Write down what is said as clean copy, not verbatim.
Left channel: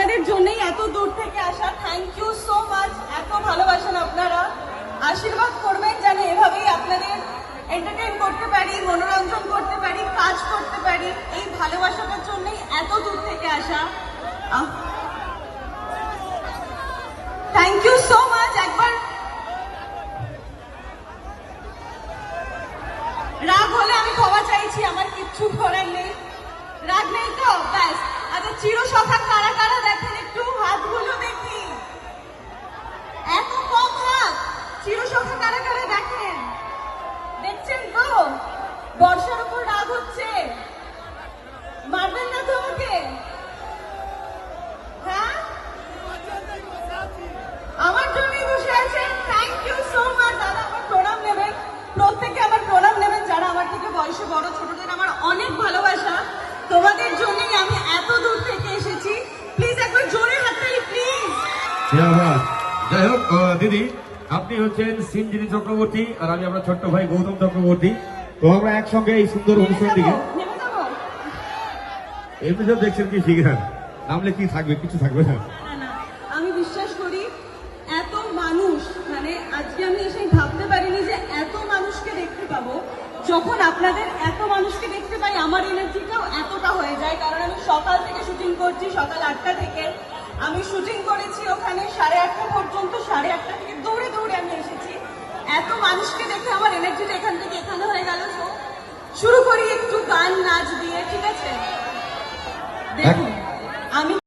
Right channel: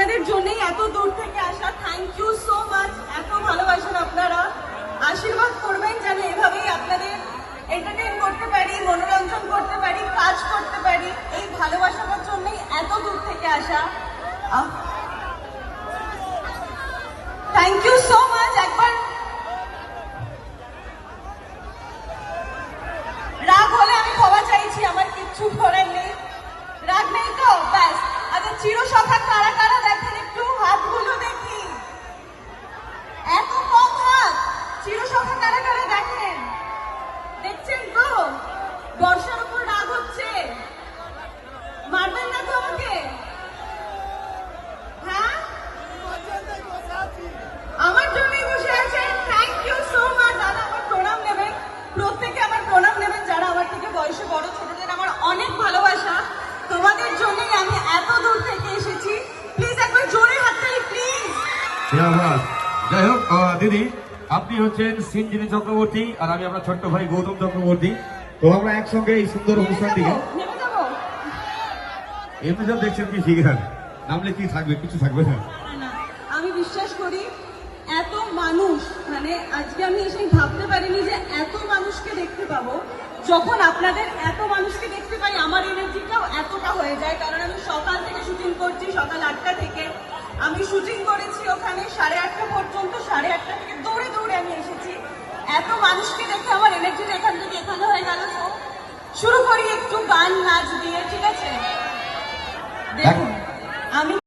আপনাদের জন্যই এত দূর থেকে আসা। Thank you so much. এত ভালোবাসেন আপনারা, আশীর্বাদ করবেন যেন এভাবেই আপনাদের এন্টারটেইন করতে পারি, মনোরঞ্জন করতে পারি, কাজ করতে পারি। এই ভালোবাসাটার জন্যই এত দূর থেকে আসা। Thank you so much. একবার রাগ হলে আমি ক্ষমা চাইছি, আমার কিচ্ছু করার নেই। রাগ নেই তো? ব্যাস। আচ্ছা, চিরসখা কারা কারা দেখেন একটু হাতগুলো দেখি। এত কম হাত। চিরসখা কারা কারা দেখেন? দেখছেন তো? বর্ষার উপর রাগ হচ্ছে। মারবেন না তো আমাকে? হ্যাঁ, আমার জন্যই বসে আছেন। Thank you so much. দাদা আমার প্রণাম নেবেন, প্রত্যেকে আমার প্রণাম নেবেন যারা আমার থেকে বয়সে বড়। ছোটদের আমার অনেক ভালোবাসা। তোমাদের জন্যই আমি এত দূর থেকে এসেছি। প্লিজ একবার জোরে হাততালি প্লিজ। যাই হোক দিদি, আপনি হচ্ছেন সিঞ্জিনী চক্রবর্তী আর আমি আপনার ছোট্ট ভাই গৌতম চক্রবর্তী। তো আমরা একসঙ্গে এই সুন্দর অনুষ্ঠানটিকে এমনি তো দেখছেন কি শিখেন, নামলে কি থাকবে, কিছু থাকবে না। আমি বিশ্বাস করি এত মানুষ, মানে আজকে আমি এসে ভাবতে পারিনি যে এত মানুষকে দেখতে পাবো। যখন আপনাদের এত মানুষকে দেখতে পাই আমার এনার্জিটাও এতটা হয়ে যায়। কারণ আমি সকাল থেকে শুটিং করছি, সকাল 8টা থেকে আমি শুটিং করেছি ওখানে 8:30 পর্যন্ত। 8:30 থেকে দৌড়ে দৌড়ে আমি এসেছি। এত মানুষকে দেখে আমার এনার্জিটা এখান থেকে এখানে হয়ে গেল। শুরু করি একটু গান নাচ দিয়ে, ঠিক আছে? দেখুন, আমি